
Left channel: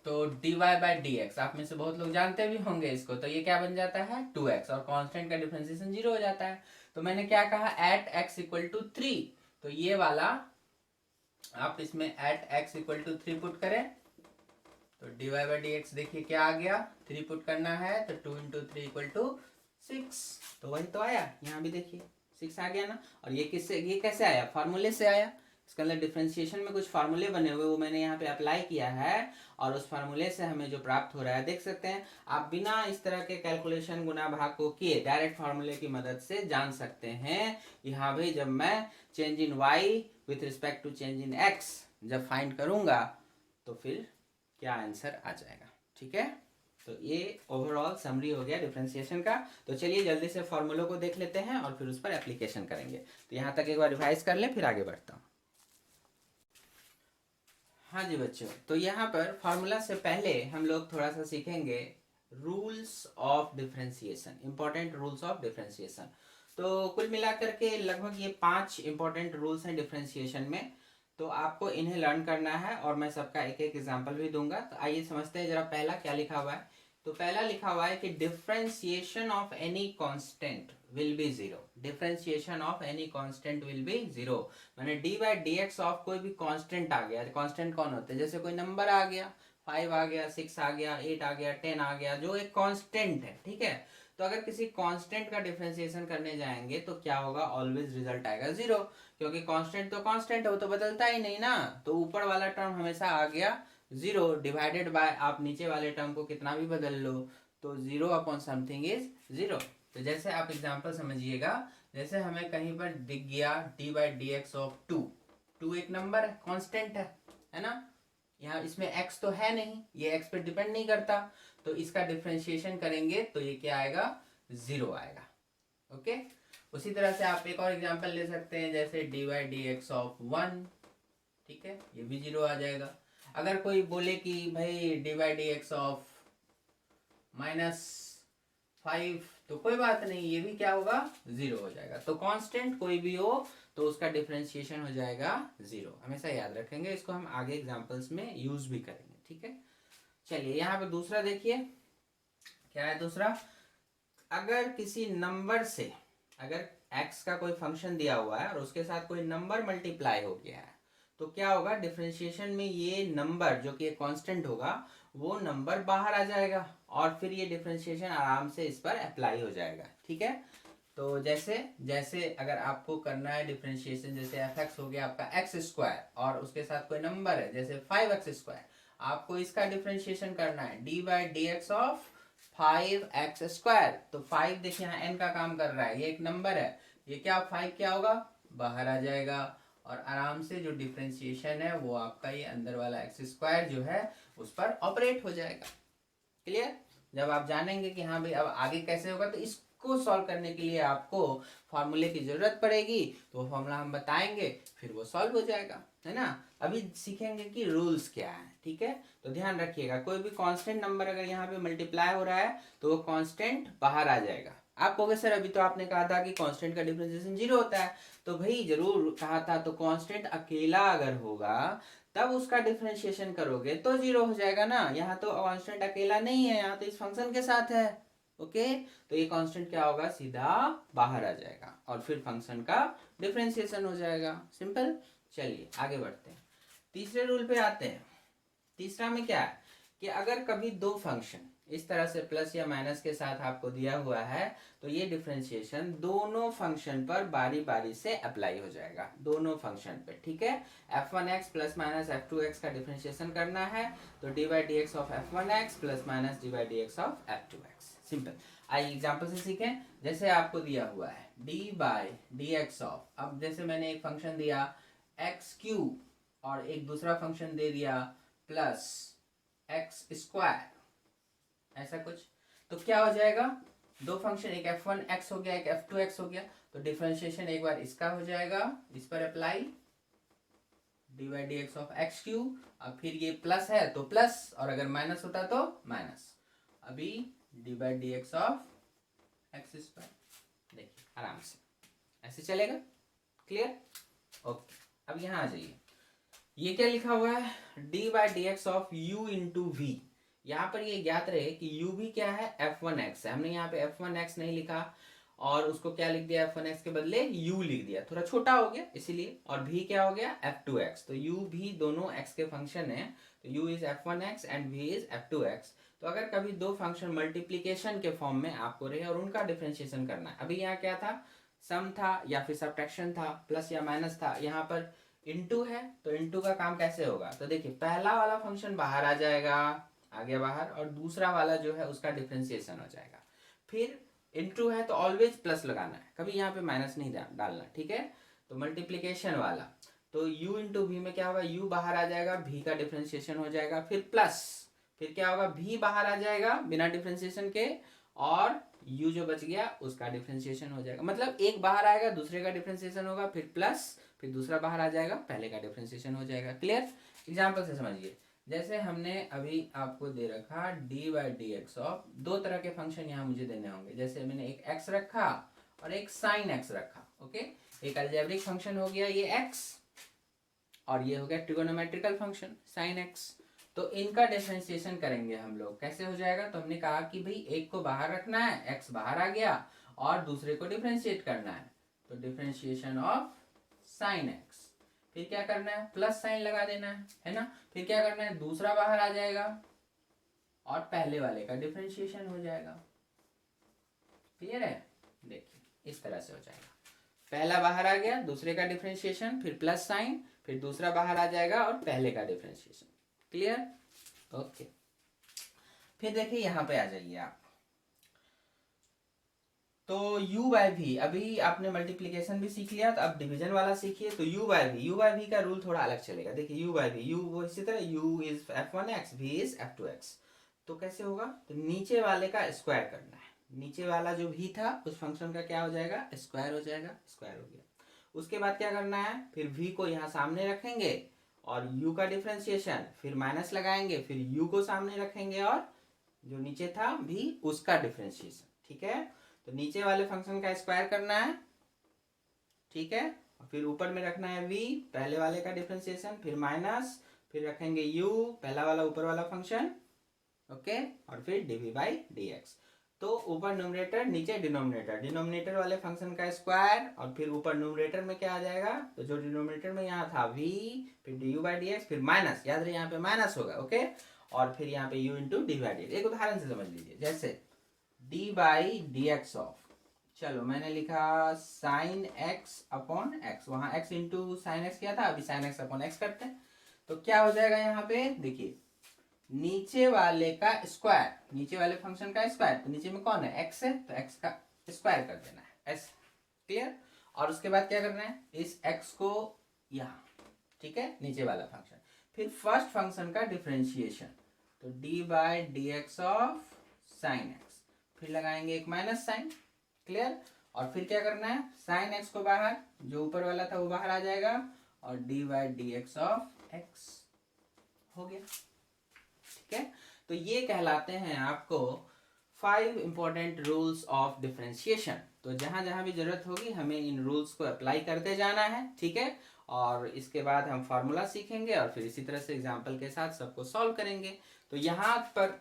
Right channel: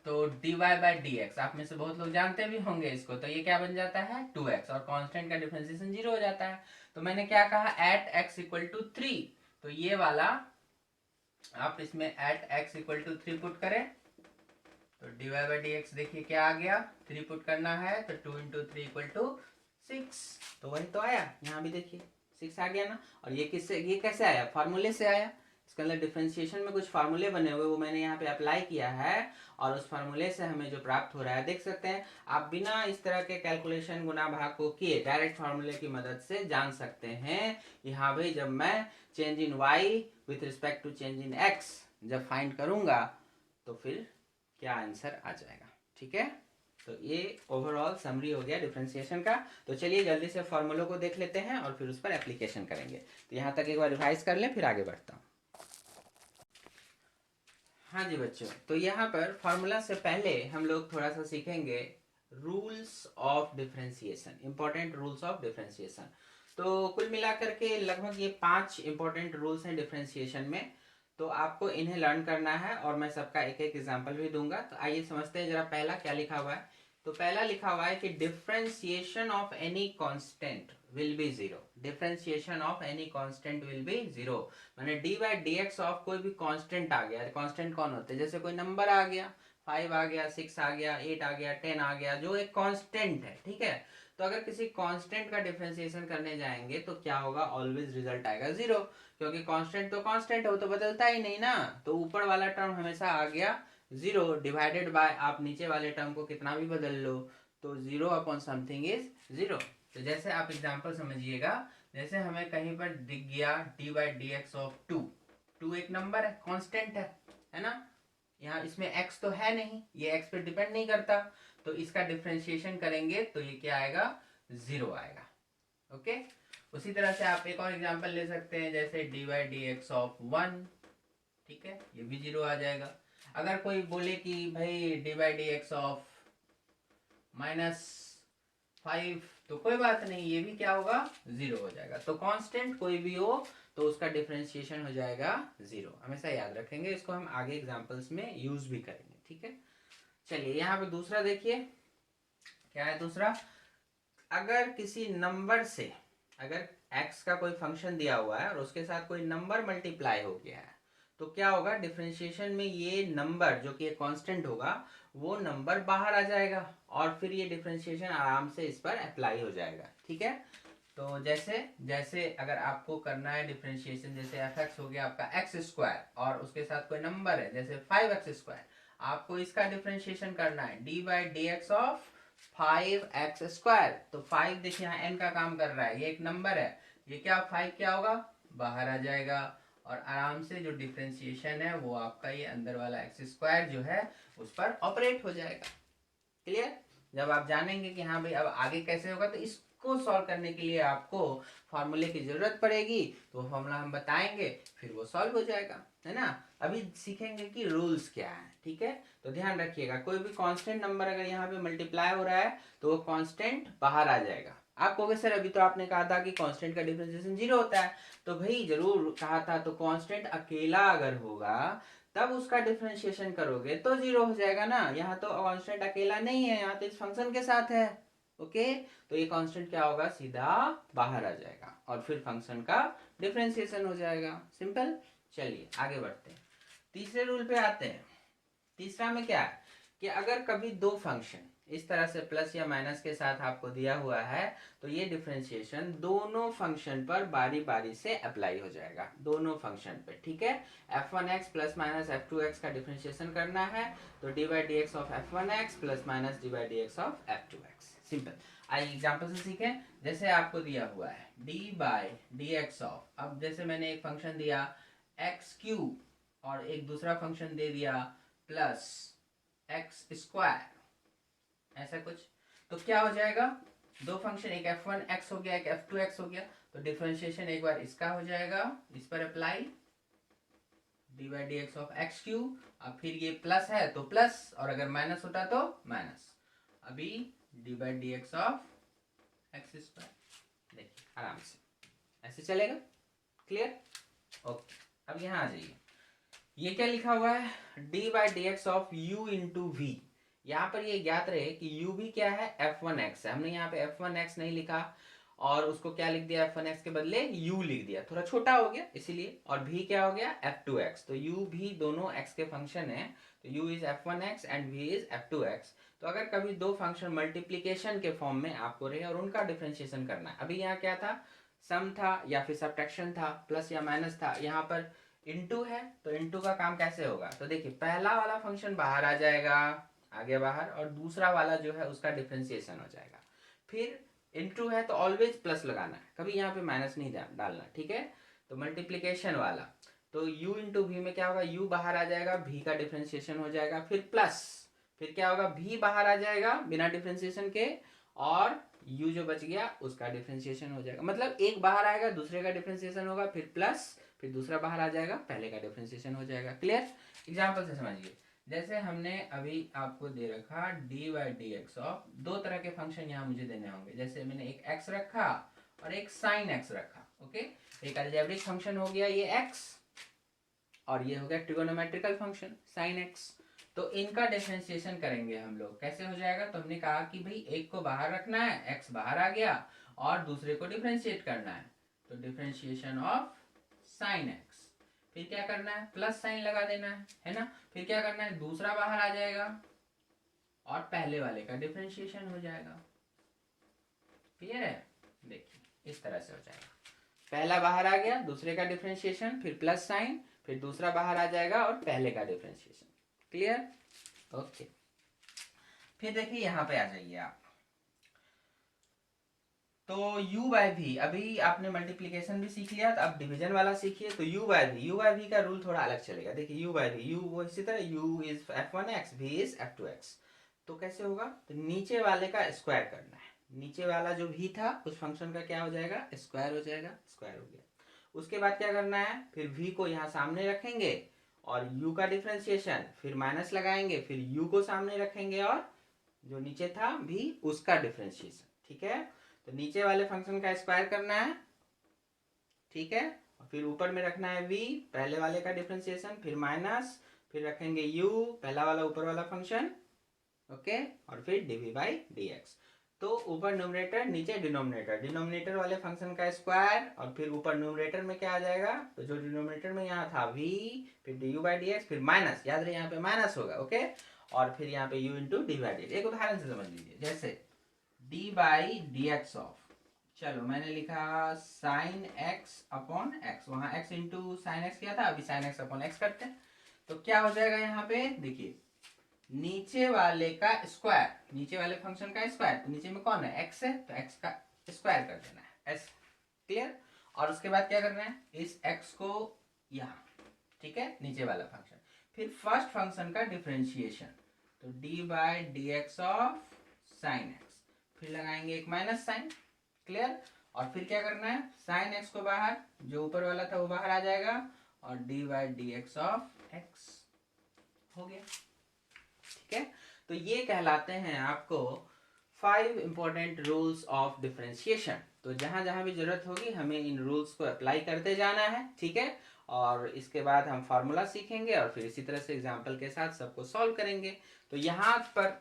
तो dy बाई डी एक्स, आप में से बहुत लोग जानते भी होंगे इसको, तो ये क्या बन जाता है 2x, और कांस्टेंट का डिफरेंशिएशन 0 हो जाता है। तो मैंने क्या कहा एट x इक्वल टू 3, तो ये वाला आप इसमें at x equal to 3 put करें तो dy बाई डी एक्स देखिए क्या आ गया, 3 पुट करना है तो 2 इंटू 3 इक्वल टू 6, तो वही तो आया, यहाँ भी देखिए 6 आ गया ना। और ये किससे, ये कैसे आया, फार्मूले से आया, इसके अंदर डिफरेंशिएशन में कुछ फार्मूले बने हुए वो मैंने यहाँ पे अप्लाई किया है, और उस फार्मूले से हमें जो प्राप्त हो रहा है देख सकते हैं आप, बिना इस तरह के कैलकुलेशन गुना भाग को किए डायरेक्ट फार्मूले की मदद से जान सकते हैं कि हाँ भाई जब मैं change in y with respect to change in x जब फाइंड करूंगा तो फिर क्या आंसर आ जाएगा। ठीक है, तो ये ओवरऑल समरी हो गया डिफरेंशिएशन का। तो चलिए जल्दी से फॉर्मूलों को देख लेते हैं और फिर उस पर एप्लीकेशन करेंगे। तो यहाँ तक एक बार रिवाइज कर लें फिर आगे बढ़ता हूँ। हाँ जी बच्चों, तो यहाँ पर फॉर्मूला से पहले हम लोग थोड़ा सा सीखेंगे rules of differentiation, important rules of differentiation. तो कुल मिलाकर के लगभग ये 5 इंपॉर्टेंट रूल्स हैं डिफरेंशिएशन में, तो आपको इन्हें लर्न करना है और मैं सबका एक एक एग्जाम्पल भी दूंगा। तो आइए समझते हैं जरा पहला क्या लिखा हुआ है। तो पहला लिखा हुआ है कि differentiation of any constant will be zero, differentiation of any constant will be zero, माने d by d x of कोई भी कांस्टेंट आ गया, कांस्टेंट कौन होते हैं, जैसे कोई नंबर आ गया 5 आ गया 6 आ गया 8 आ गया 10 आ गया, जो एक कांस्टेंट है। ठीक है, तो अगर किसी कांस्टेंट का डिफरेंशिएशन करने जाएंगे तो क्या होगा, ऑलवेज रिजल्ट आएगा जीरो, क्योंकि कांस्टेंट तो कांस्टेंट है, वो तो बदलता ही नहीं ना। तो ऊपर वाला टर्म हमेशा आ गया जीरो, डिवाइडेड बाय आप नीचे वाले टर्म को कितना भी बदल लो तो zero upon something is zero. तो जैसे आप एग्जांपल समझिएगा, जैसे हमें कहीं पर दिख गया D by d x of 2, 2 एक नंबर है कांस्टेंट है ना, यहाँ इसमें x तो है नहीं, ये x पे डिपेंड नहीं करता, तो इसका डिफरेंशिएशन करेंगे तो ये क्या आएगा जीरो आएगा। ओके, उसी तरह से आप एक और एग्जांपल ले सकते हैं, जैसे D by d x of 1, ठीक है, ये भी जीरो आ जाएगा। अगर कोई बोले कि भाई D by d x of -5, तो कोई बात नहीं, ये भी क्या होगा जीरो हो जाएगा। तो कांस्टेंट कोई भी हो तो उसका डिफरेंशिएशन हो जाएगा जीरो, हमेशा याद रखेंगे, इसको हम आगे एग्जांपल्स में यूज भी करेंगे। ठीक है, चलिए यहाँ पे दूसरा देखिए क्या है दूसरा, अगर किसी नंबर से, अगर x का कोई फंक्शन दिया हुआ है और उसके साथ कोई नंबर मल्टीप्लाई हो गया है तो क्या होगा, डिफरेंशिएशन में ये नंबर जो कि कांस्टेंट होगा वो नंबर बाहर आ जाएगा और फिर ये डिफरेंशिएशन आराम से इस पर अप्लाई हो जाएगा। ठीक है, तो जैसे जैसे अगर आपको करना है डिफरेंशिएशन, जैसे एफ एक्स हो गया आपका एक्स स्क्वायर और उसके साथ कोई नंबर है जैसे 5x², आपको इसका डिफरेंशिएशन करना है d by d x of 5x²। तो 5 देखिए यहाँ n का काम कर रहा है, ये एक नंबर है, ये क्या 5 क्या होगा बाहर आ जाएगा और आराम से जो डिफरेंशिएशन है वो आपका ये अंदर वाला x² जो है उस पर ऑपरेट हो जाएगा। क्लियर, जब आप जानेंगे कि हाँ भाई अब आगे कैसे होगा तो इसको सॉल्व करने के लिए आपको फॉर्मूले की जरूरत पड़ेगी, तो वो फॉर्मूला हम बताएंगे फिर वो सॉल्व हो जाएगा, है ना। अभी सीखेंगे कि रूल्स क्या है। ठीक है, तो ध्यान रखिएगा, कोई भी कांस्टेंट नंबर अगर यहाँ पे मल्टीप्लाई हो रहा है तो वो कांस्टेंट बाहर आ जाएगा। आप कहोगे सर अभी तो आपने कहा था कि कांस्टेंट का डिफरेंशिएशन जीरो होता है, तो भाई जरूर कहा था, तो कांस्टेंट अकेला अगर होगा तब उसका डिफरेंशिएशन करोगे तो जीरो हो जाएगा ना। यहाँ तो कांस्टेंट अकेला नहीं है, यहाँ तो इस फंक्शन के साथ है। ओके, तो ये कांस्टेंट क्या होगा सीधा बाहर आ जाएगा और फिर फंक्शन का डिफरेंशिएशन हो जाएगा, सिंपल। चलिए आगे बढ़ते हैं, तीसरे रूल पे आते हैं। तीसरा में क्या है कि अगर कभी दो फंक्शन इस तरह से प्लस या माइनस के साथ आपको दिया हुआ है तो ये डिफरेंशिएशन दोनों फंक्शन पर बारी बारी से अप्लाई हो जाएगा, दोनों फंक्शन पे। ठीक है, f1x प्लस माइनस f2x का डिफरेंशिएशन करना है तो D by d x of f1x plus minus D by d x of f2x, simple. आइए एग्जाम्पल से सीखें, जैसे आपको दिया हुआ है d by d x of, अब जैसे मैंने एक फंक्शन दिया x³ और एक दूसरा फंक्शन दे दिया प्लस x², ऐसा कुछ, तो क्या हो जाएगा दो फंक्शन, एक f1x हो गया, एक f2x हो गया, तो डिफरेंशिएशन एक बार इसका हो जाएगा, इस पर apply dy dx of x Q. अब फिर ये प्लस है तो प्लस, और अगर माइनस होता तो माइनस। अभी dy dx of x square, देखिए आराम से ऐसे चलेगा। क्लियर? ओके, अब यहाँ आ जाइए, ये क्या लिखा हुआ है, d by d x of u into v. यहाँ पर ये ज्ञात रहे कि u भी क्या है, f1x है। हमने यहाँ पे f1x नहीं लिखा और उसको क्या लिख दिया, f1x के बदले u लिख दिया, थोड़ा छोटा हो गया इसीलिए। और v क्या हो गया, f2x। तो u भी दोनों x के फंक्शन है, तो u is f1x and v is f2x। तो अगर कभी दो फंक्शन मल्टीप्लीकेशन के फॉर्म में आपको रहे और उनका डिफ्रेंशिएशन करना है, अभी यहाँ क्या था, सम था या फिर सब्ट्रैक्शन था, प्लस या माइनस था, यहाँ पर इनटू है, तो इनटू का काम कैसे होगा, तो देखिए पहला वाला फंक्शन बाहर आ जाएगा, आगे बाहर, और दूसरा वाला जो है उसका डिफरेंशिएशन हो जाएगा। फिर इनटू है तो ऑलवेज प्लस लगाना है, कभी यहाँ पे माइनस नहीं डालना, ठीक है। तो मल्टीप्लीकेशन वाला, तो u इंटू वी में क्या होगा, u बाहर आ जाएगा, v का डिफरेंशिएशन हो जाएगा, फिर प्लस, फिर क्या होगा, v बाहर आ जाएगा बिना डिफरेंशिएशन के, और u जो बच गया उसका डिफरेंशिएशन हो जाएगा। मतलब एक बाहर आएगा, दूसरे का डिफरेंशिएशन होगा, फिर प्लस, फिर दूसरा बाहर आ जाएगा, पहले का डिफरेंशिएशन हो जाएगा। क्लियर? एग्जांपल से समझिए, जैसे हमने अभी आपको दे रखा D by d x of, दो तरह के फंक्शन यहाँ मुझे देने होंगे। जैसे मैंने एक x रखा और एक साइन x रखा, ओके। एक अलजेब्रिक फंक्शन हो गया ये x, और ये हो गया ट्रिगोनोमेट्रिकल फंक्शन साइन x। तो इनका डिफरेंशिएशन करेंगे हम लोग, कैसे हो जाएगा, तो हमने कहा कि भाई एक को बाहर रखना है, x बाहर आ गया, और दूसरे को डिफरेंशिएट करना है, तो डिफरेंशिएशन ऑफ साइन x। फिर क्या करना है, प्लस साइन लगा देना है ना। फिर क्या करना है, दूसरा बाहर आ जाएगा और पहले वाले का डिफरेंशिएशन हो जाएगा। क्लियर है? देखिए इस तरह से हो जाएगा, पहला बाहर आ गया, दूसरे का डिफरेंशिएशन, फिर प्लस साइन, फिर दूसरा बाहर आ जाएगा और पहले का डिफरेंशिएशन। क्लियर? ओके। फिर देखिए यहाँ पे आ जाइए आप, तो u बाई वी, अभी आपने मल्टीप्लीकेशन भी सीख लिया, तो अब डिवीजन वाला सीखिए। तो u बाई वी का रूल थोड़ा अलग चलेगा। देखिए u बाई वी, u वो इसी तरह, u is f1x, v is f2x। तो कैसे होगा, तो नीचे वाले का स्क्वायर करना है, नीचे वाला जो v था उस फंक्शन का क्या हो जाएगा, स्क्वायर हो जाएगा, स्क्वायर हो गया। उसके बाद क्या करना है, फिर v को यहाँ सामने रखेंगे और u का डिफ्रेंशिएशन, फिर माइनस लगाएंगे, फिर u को सामने रखेंगे और जो नीचे था v उसका डिफ्रेंशिएशन, ठीक है। तो नीचे वाले फंक्शन का स्क्वायर करना है, ठीक है, और फिर ऊपर में रखना है v, पहले वाले का डिफरेंशिएशन, फिर माइनस, फिर रखेंगे u, पहला वाला ऊपर वाला फंक्शन, ओके, और फिर dv बाई dx। तो ऊपर न्यूमरेटर, नीचे डिनोमिनेटर, डिनोमिनेटर वाले फंक्शन का स्क्वायर, और फिर ऊपर न्यूमरेटर में क्या आ जाएगा, तो जो डिनोमिनेटर में यहाँ था v, फिर du बाई dx, फिर माइनस, याद रहे यहाँ पे माइनस होगा, ओके, और फिर यहाँ पे u into D by D. एक उदाहरण से समझ लीजिए, जैसे d by d x of, चलो मैंने लिखा साइन x अपॉन x, वहां x इंटू साइन एक्स किया था, अभी साइन x अपॉन x करते हैं। तो क्या हो जाएगा यहाँ पे, देखिए नीचे वाले का स्क्वायर, नीचे वाले फंक्शन का स्क्वायर, तो नीचे में कौन है, x है, तो x का स्क्वायर कर देना है, s। क्लियर? और उसके बाद क्या करना है, इस x को यहाँ, ठीक है, नीचे वाला फंक्शन, फिर फर्स्ट फंक्शन का डिफरेंशिएशन, तो d by d x of sine x, फिर लगाएंगे एक माइनस साइन। क्लियर? और फिर क्या करना है, साइन एक्स को बाहर, जो ऊपर वाला था वो बाहर आ जाएगा, और D by d x of x हो गया, ठीक है। तो ये कहलाते हैं आपको 5 इंपॉर्टेंट रूल्स ऑफ डिफरेंशिएशन। तो जहां जहां भी जरूरत होगी हमें इन रूल्स को अप्लाई करते जाना है, ठीक है। और इसके बाद हम फार्मूला सीखेंगे और फिर इसी तरह से एग्जाम्पल के साथ सबको सॉल्व करेंगे। तो यहाँ पर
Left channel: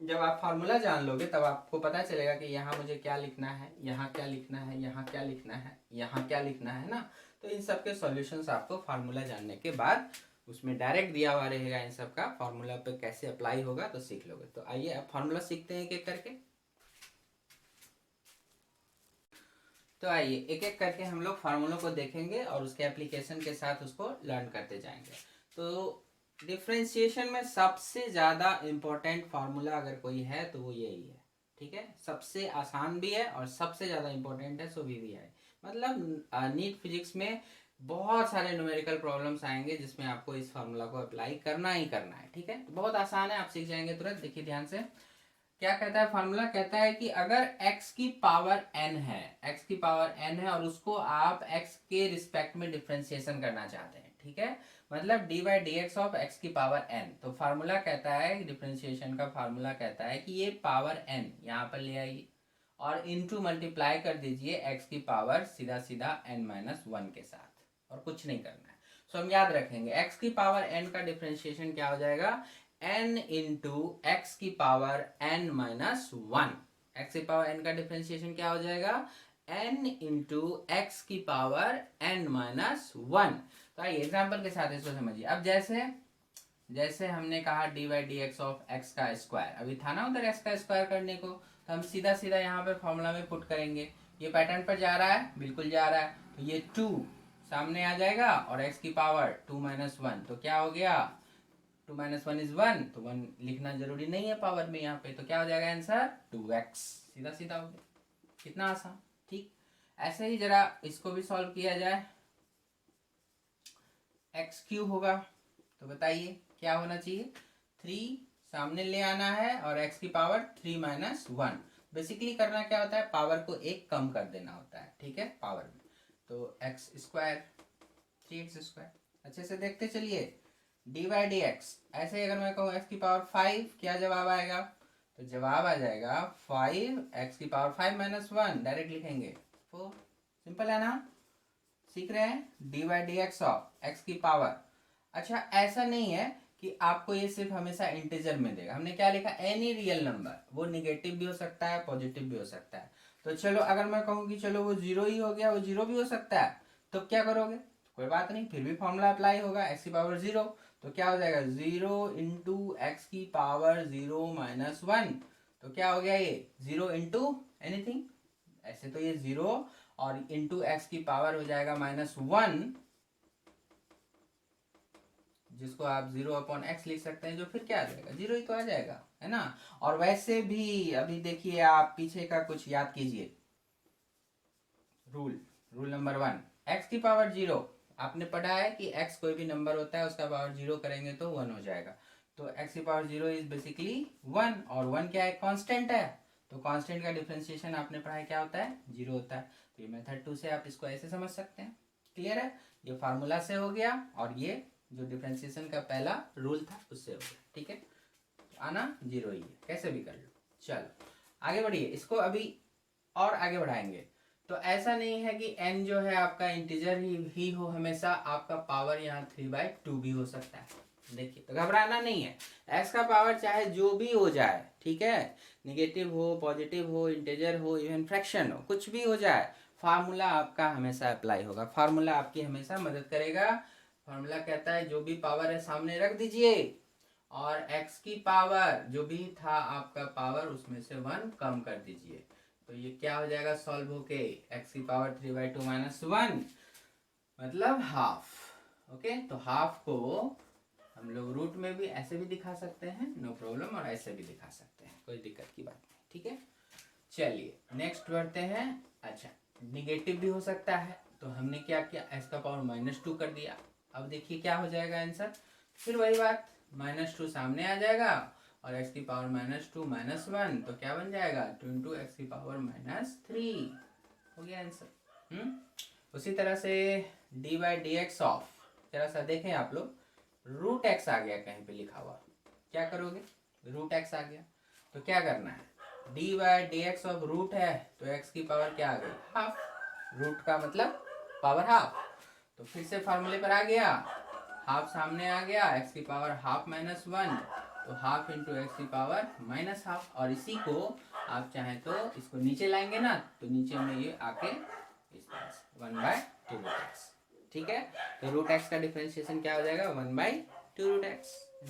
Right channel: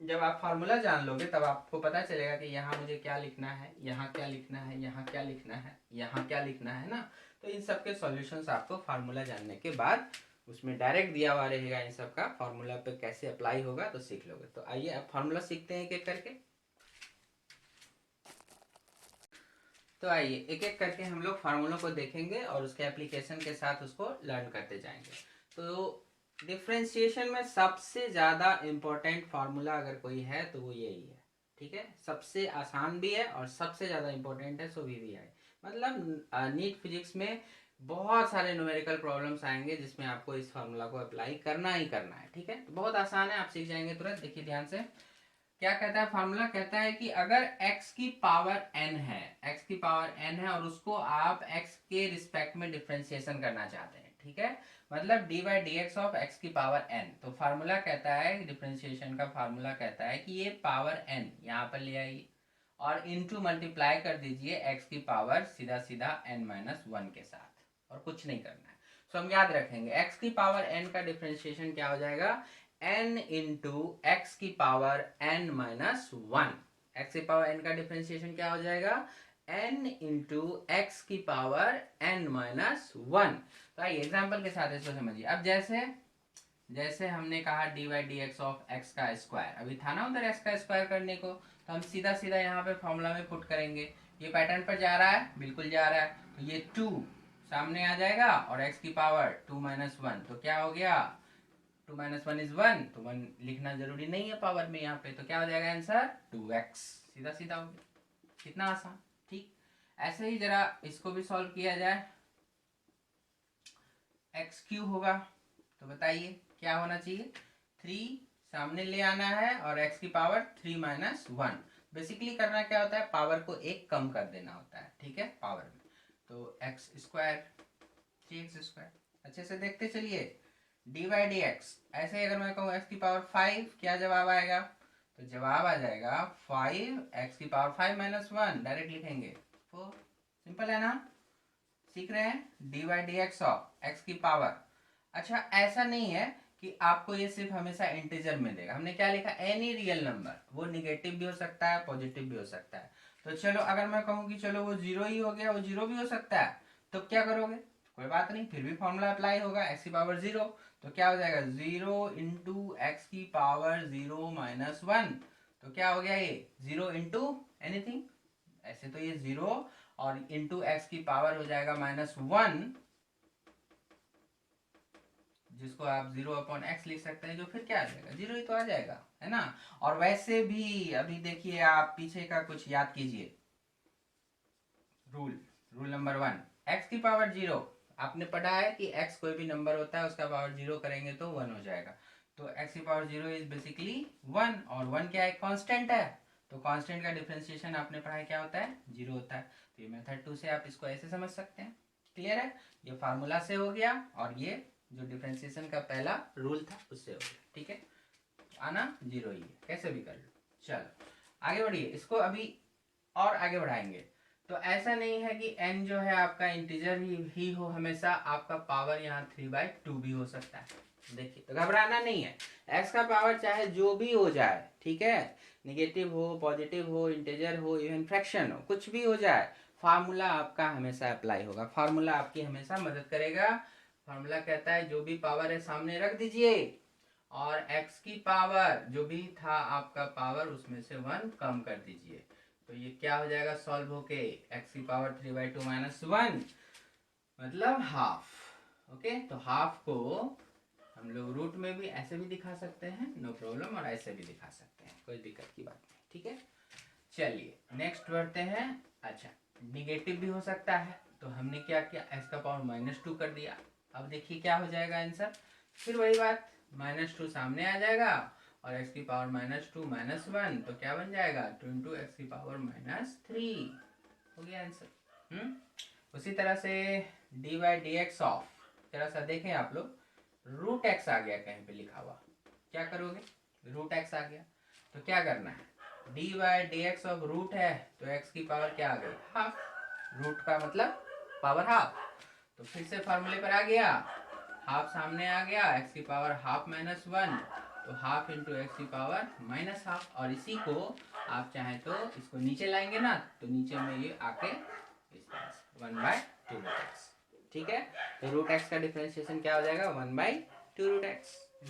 जब आप फार्मूला जान लोगे तब आपको पता चलेगा कि यहाँ मुझे क्या लिखना है, यहाँ क्या लिखना है, यहाँ क्या लिखना है, यहाँ क्या लिखना है ना। तो इन सब के सॉल्यूशंस आपको फार्मूला जानने के बाद उसमें डायरेक्ट दिया हुआ रहेगा, इन सब का फार्मूला पे कैसे अप्लाई होगा तो सीख लोगे। तो आइए अब फार्मूला सीखते हैं एक एक करके। तो आइए एक एक करके हम लोग फार्मूलों को देखेंगे और उसके एप्लीकेशन के साथ उसको लर्न करते जाएंगे। तो डिफरेंशिएशन में सबसे ज़्यादा इम्पोर्टेंट फार्मूला अगर कोई है तो वो यही है, ठीक है। सबसे आसान भी है और सबसे ज़्यादा इम्पोर्टेंट है, सो VVI। मतलब नीट फिजिक्स में बहुत सारे न्यूमेरिकल प्रॉब्लम्स आएंगे जिसमें आपको इस फार्मूला को अप्लाई करना ही करना है, ठीक है। तो बहुत आसान है, आप सीख जाएंगे तुरंत। देखिए ध्यान से, क्या कहता है फार्मूला, कहता है कि अगर x की पावर n है, x की पावर n है और उसको आप x के रिस्पेक्ट में डिफरेंशिएशन करना चाहते हैं, ठीक है, मतलब D by d x of x की पावर n। तो फार्मूला कहता है, डिफरेंशिएशन का फार्मूला कहता है कि ये पावर n यहाँ पर ले आइए और इनटू मल्टीप्लाई कर दीजिए x की पावर सीधा सीधा n-1 के साथ, और कुछ नहीं करना है। तो हम याद रखेंगे x की पावर n का डिफरेंशिएशन क्या हो जाएगा, n इंटू एक्स की पावर n-1। एक्स की पावर n का डिफरेंशिएशन क्या हो जाएगा, n इंटू एक्स की पावर n-1। तो आइए एग्जाम्पल के साथ इसको समझिए। अब जैसे हमने कहा D by d x of x का स्क्वायर, अभी था ना उधर एक्स का स्क्वायर करने को, तो हम सीधा सीधा यहाँ पे फॉर्मूला में पुट करेंगे। ये पैटर्न पर जा रहा है, बिल्कुल जा रहा है, तो ये 2 सामने आ जाएगा और x की पावर 2-1, तो क्या हो गया, 2-1 इज 1, तो 1 लिखना जरूरी नहीं है पावर में यहाँ पे, तो क्या हो जाएगा आंसर 2x, सीधा सीधा हो गया, कितना आसान। ठीक, ऐसे ही जरा इसको भी सॉल्व किया जाए। एक्स क्यूब होगा, तो बताइए क्या होना चाहिए, 3 सामने ले आना है और x की पावर 3-1। बेसिकली करना क्या होता है, पावर को एक कम कर देना होता है, ठीक है, पावर में, तो एक्स स्क्वायर 3x²। अच्छे से देखते चलिए, डी बाई डी एक्स, ऐसे अगर मैं कहूँ x की पावर 5, क्या जवाब आएगा, तो जवाब आ जाएगा 5, x की पावर 5-1, डायरेक्ट लिखेंगे 4। सिंपल है ना, सीख रहे हैं, D by d x of x की पावर। अच्छा, ऐसा नहीं है कि आपको ये सिर्फ हमेशा इंटीजर में देगा, हमने क्या लिखा, एनी रियल नंबर, वो निगेटिव भी हो सकता है, पॉजिटिव भी हो सकता है। तो चलो अगर मैं कहूँ कि चलो वो 0 ही हो गया, वो 0 भी हो सकता है, तो क्या करोगे, कोई बात नहीं, फिर भी फॉर्मूला अप्लाई होगा, एक्स की पावर 0, तो क्या हो जाएगा 0 इंटू एक्स की पावर 0-1, तो क्या हो गया ये 0 इंटू एनीथिंग, ऐसे तो ये 0 और इंटू एक्स की पावर हो जाएगा -1, जिसको आप 0/x लिख सकते हैं, जो फिर क्या आ जाएगा 0 ही तो आ जाएगा, है ना। और वैसे भी अभी देखिए, आप पीछे का कुछ याद कीजिए, रूल नंबर 1, एक्स की पावर 0, आपने पढ़ा है कि x कोई भी नंबर होता है उसका पावर 0 करेंगे तो 1 हो जाएगा, तो x की पावर 0 इज बेसिकली 1, और 1 क्या है, कांस्टेंट है, तो कांस्टेंट का डिफरेंशिएशन आपने पढ़ा है क्या होता है, 0 होता है। तो ये मेथड 2 से आप इसको ऐसे समझ सकते हैं, क्लियर है, ये फार्मूला से हो गया और ये जो डिफरेंशिएशन का पहला रूल था उससे हो गया, ठीक है, आना 0 ही है, कैसे भी कर लो। चलो आगे बढ़िए, इसको अभी और आगे बढ़ाएंगे। तो ऐसा नहीं है कि n जो है आपका इंटीजर ही हो हमेशा, आपका पावर यहाँ 3/2 भी हो सकता है। देखिए, तो घबराना नहीं है, x का पावर चाहे जो भी हो जाए, ठीक है, निगेटिव हो, पॉजिटिव हो, इंटीजर हो, इवन फ्रैक्शन हो, कुछ भी हो जाए, फार्मूला आपका हमेशा अप्लाई होगा, फार्मूला आपकी हमेशा मदद करेगा। फार्मूला कहता है जो भी पावर है सामने रख दीजिए और x की पावर जो भी था आपका पावर उसमें से 1 कम कर दीजिए, तो ये क्या हो जाएगा सॉल्व होके, x की पावर 3/2-1 मतलब हाफ। ओके, तो हाफ को हम लोग रूट में भी ऐसे भी दिखा सकते हैं, नो प्रॉब्लम, और ऐसे भी दिखा सकते हैं, कोई दिक्कत की बात नहीं, ठीक है। चलिए नेक्स्ट बढ़ते हैं। अच्छा, निगेटिव भी हो सकता है, तो हमने क्या किया, x का पावर -2 कर दिया। अब देखिए क्या हो जाएगा आंसर, फिर वही बात, -2 सामने आ जाएगा और x की पावर -2-1, तो क्या बन जाएगा 2 इंटू एक्स की पावर -3, हो गया आंसर। उसी तरह से D by d x of, जरा सा देखें आप लोग, √x आ गया कहीं पे लिखा हुआ, क्या करोगे, √x आ गया, तो क्या करना है, d by d x of root है, तो x की पावर क्या आ गई, हाफ, रूट का मतलब पावर हाफ, तो फिर से फार्मूले पर आ गया, हाफ सामने आ गया, x की पावर ½ -1, तो हाफ इंटू एक्स की पावर -हाफ, और इसी को आप चाहें तो इसको नीचे लाएंगे ना, तो नीचे में ये आके इस तरह से 1/2√x, ठीक है, तो √x का डिफरेंशिएशन क्या हो जाएगा 1/2√x,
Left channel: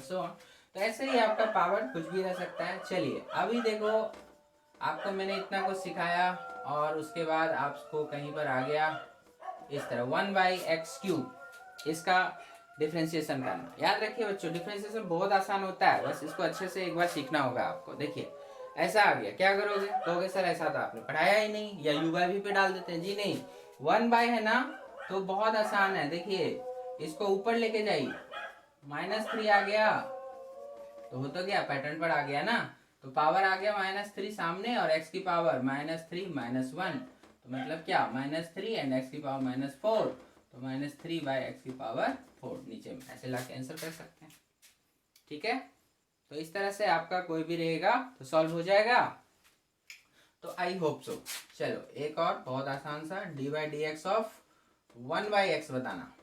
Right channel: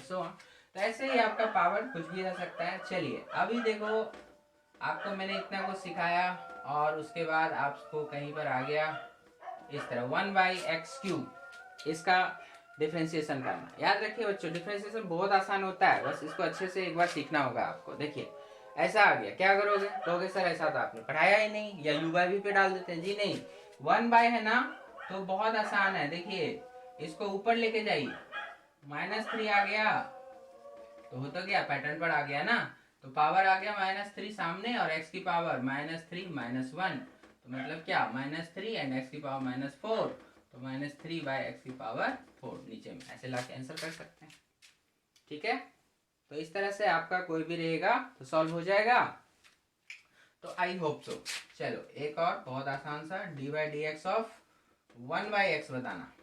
सो ऑन। तो ऐसे ही आपका पावर कुछ भी रह सकता है। चलिए अभी देखो, आपको मैंने इतना कुछ सिखाया और उसके बाद आपको कहीं पर आ गया इस तरह 1/x³, इसका डिफरेंशिएशन करना। याद रखिए बच्चों, डिफरेंशिएशन बहुत आसान होता है, बस इसको अच्छे से एक बार सीखना होगा आपको। देखिए ऐसा आ गया, क्या करोगे, कहोगे सर ऐसा तो आपने पढ़ाया ही नहीं, या u/v पे डाल देते हैं, जी नहीं, 1/ है ना, तो बहुत आसान है, देखिए इसको ऊपर लेके जाइए, -3 आ गया, तो हो तो गया, पैटर्न पर आ गया ना, तो पावर आ गया -3 सामने और x की पावर -3 -1, तो मतलब क्या -3 एंड x की पावर -4, तो -3 बाय x की पावर 4 नीचे में ऐसे ला के आंसर कर सकते हैं। ठीक है, तो इस तरह से आपका कोई भी रहेगा तो सॉल्व हो जाएगा। तो आई होप सो। चलो एक और बहुत आसान सा dy/dx ऑफ 1/x बताना।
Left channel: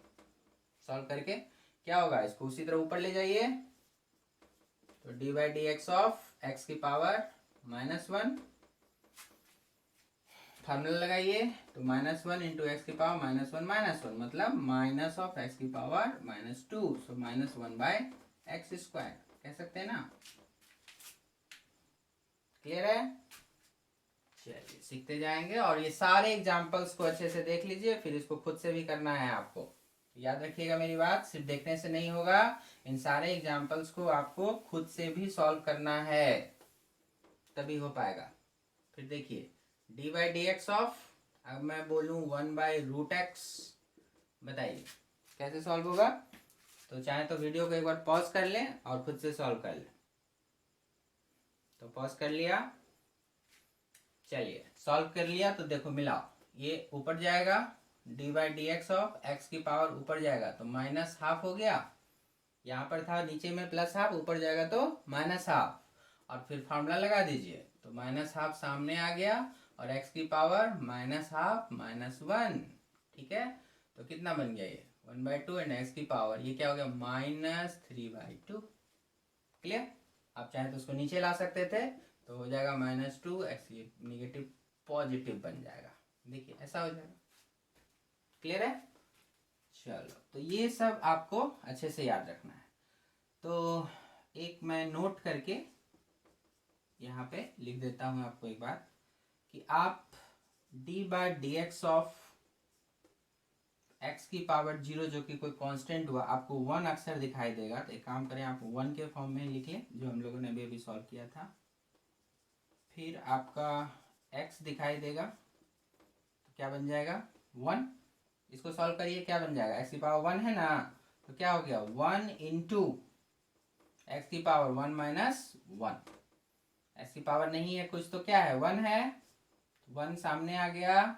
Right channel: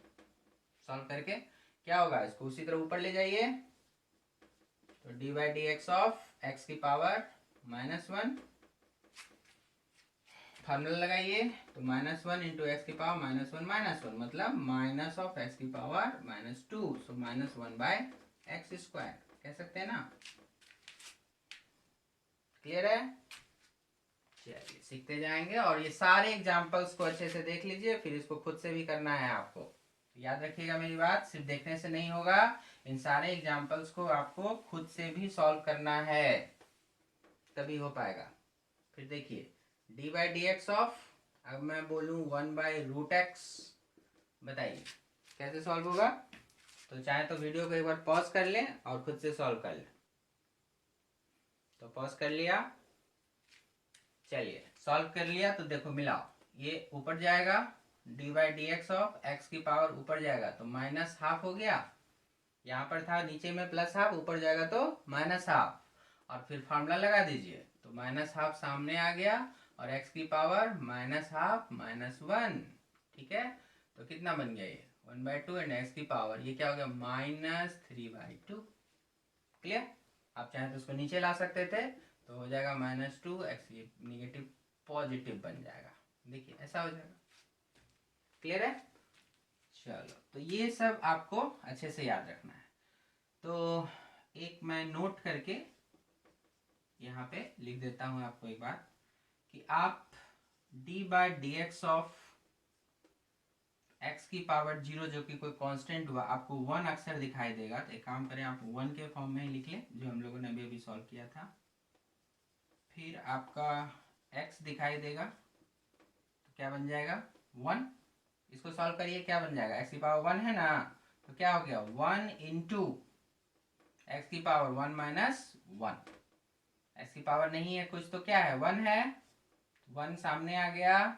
सॉल्व करके क्या होगा, इसको उसी तरह ऊपर ले जाइए, तो dy/dx ऑफ x की पावर -1, फार्मूला लगाइए, तो -1 इंटू एक्स की पावर -1 मतलब माइनस ऑफ एक्स की पावर -2, सो -1/x², कह सकते हैं ना। क्लियर है? चलिए सीखते जाएंगे, और ये सारे एग्जांपल्स को अच्छे से देख लीजिए, फिर इसको खुद से भी करना है आपको। याद रखिएगा मेरी बात, सिर्फ देखने से नहीं होगा, इन सारे एग्जांपल्स को आपको खुद से भी सॉल्व करना है, तभी हो पाएगा। फिर देखिए dy/dx ऑफ, अब मैं बोलूं 1/√x, बताइए कैसे सॉल्व होगा। तो चाहे तो वीडियो को एक बार पॉज कर लें और खुद से सॉल्व कर लें। तो पॉज कर लिया, चलिए सॉल्व कर लिया, तो देखो मिलाओ, ये ऊपर जाएगा dy/dx ऑफ x की पावर ऊपर जाएगा तो -½ हो गया, यहाँ पर था नीचे में +½ ऊपर जाएगा तो -½ और फिर फार्मूला लगा दीजिए, तो -½ सामने आ गया और x की पावर -½ -1, ठीक है, तो कितना बन गया ये 1/2 एंड x की पावर ये क्या हो गया -3/2। क्लियर? आप चाहे तो उसको नीचे ला सकते थे, तो हो जाएगा -2 x निगेटिव पॉजिटिव बन जाएगा, देखिए ऐसा हो जाएगा। क्लियर है? चलो, तो ये सब आपको अच्छे से याद रखना है। तो एक मैं नोट करके यहाँ पे लिख देता हूँ आपको एक बात, कि आप dy/dx ऑफ x की पावर 0 जो कि कोई कांस्टेंट हुआ, आपको 1 अक्सर दिखाई देगा, तो एक काम करें आप 1 के फॉर्म में ही लिख लें, जो हम लोगों ने अभी अभी सॉल्व किया था। फिर आपका x दिखाई देगा, तो क्या बन जाएगा 1, इसको सॉल्व करिए, क्या बन जाएगा, x की पावर 1 है ना, तो क्या हो गया 1 इंटू एक्स की पावर 1 - 1, एक्स की पावर नहीं है कुछ तो क्या है 1 है, 1 सामने आ गया,